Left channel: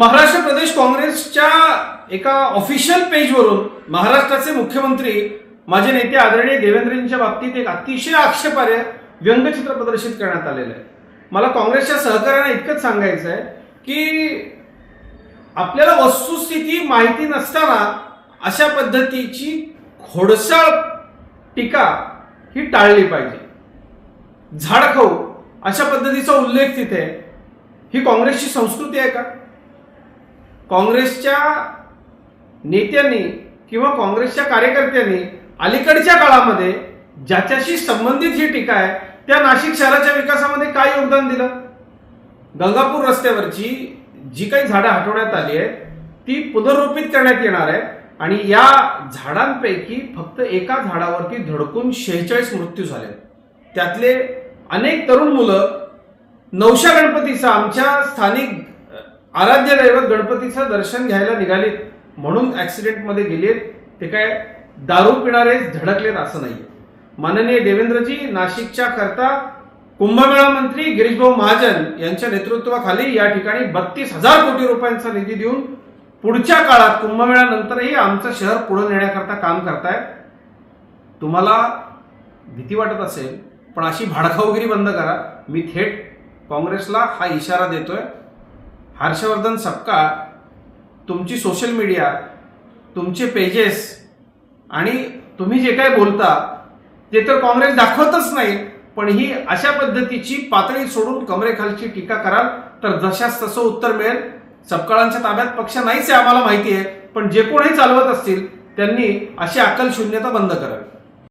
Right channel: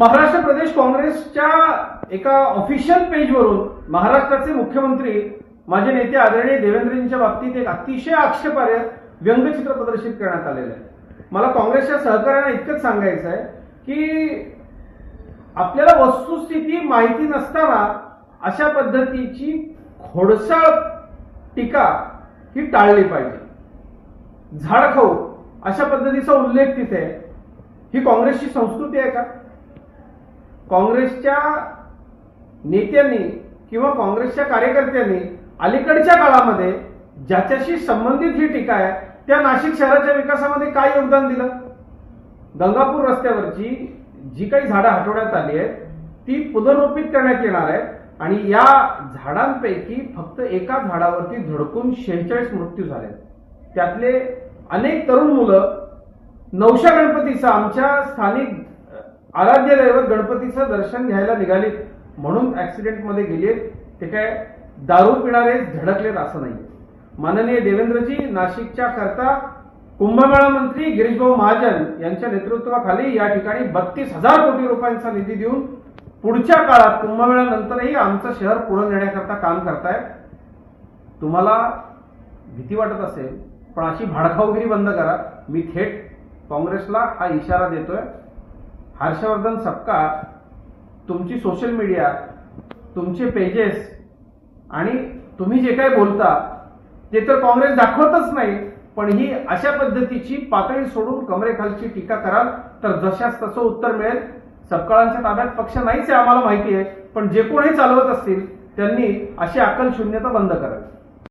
महाराष्ट्र प्रदेश काँग्रेसच्या एका ऑफिशियल पेजवरून महाराष्ट्राचे मुख्यमंत्री माझे नेते आदरणीय देवेंद्रजींच्या बाबतीत एक अतिशय आक्षेपार्ह व्यंगचित्र प्रदर्शित करण्यात आलेलं आहे। मला काँग्रेसच्या सहकार्याने इतकंच सांगायचं आहे की आपल्याला वस्तुस्थिती माहिती नसताना अशा पद्धतीची खोडसाळ टीका ही टाळली पाहिजे। झाडखाऊ अशा पद्धतीचा उल्लेख तिथे ही काँग्रेसची संस्कृती आहे का? काँग्रेसच्या नेत्यांनी किंवा काँग्रेसच्या कार्यकर्त्यांनी अलीकडच्या काळामध्ये ज्याच्याशी संबंधित ही टीका आहे त्या नाशिक शहराच्या विकासामध्ये काय योगदान दिलं? गंगापूर रस्त्यावरची जी काही झाडं हटवण्यात आली आहेत ती पुनर्रोपित करण्यात येणार आहे आणि या झाडांपैकी फक्त एका झाडावरती धडकून 46 मृत्यू झाले। त्यातले अनेक तरुण मुलं नवशा गणपतीचा आमच्या स्थानिक आराध्य दैवत गणपतीचं दर्शन घ्यायला निघालीत म्हणून ऍक्सिडेंटमध्ये गेलेत। ते काय दारू पिणारे धडकलेत असं नाही। माननीय देवेंद्रजी नाशिकच्या करता कुंभमेळा मंत्री गिरीशभाऊ महाजन यांच्या नेतृत्वाखाली या ठिकाणी 32,000 कोटी रुपयांचा निधी देऊन पुढच्या काळात कुंभमेळ्यानंतरही आमचं शहर पुढे नेण्याकरता काम करतायत। तुम्हाला भीती वाटत असेल पण अशी भाडखाऊगिरी बंद करा। मी थेट काँग्रेसला हा इशारा देतोय। हर्षवर्धन सपकाळ तुमची सोशल मीडिया, तुमचे पेजेस आणि तुम्ही जे काही बोलता ते तर काँग्रेस दाखवतच नाही, पण ही अशा पद्धतीची पातळी सोडून कमरेखालची टीका कराल तर जशास तसं उत्तर मिळेल। सपकाळांच्या ताब्यात पक्ष नाहीच आहे आम्हाला माहिती आहे, पण जे कोणी चालवत असतील त्यांनी अशी अक्कल शून्यता बंद करावी।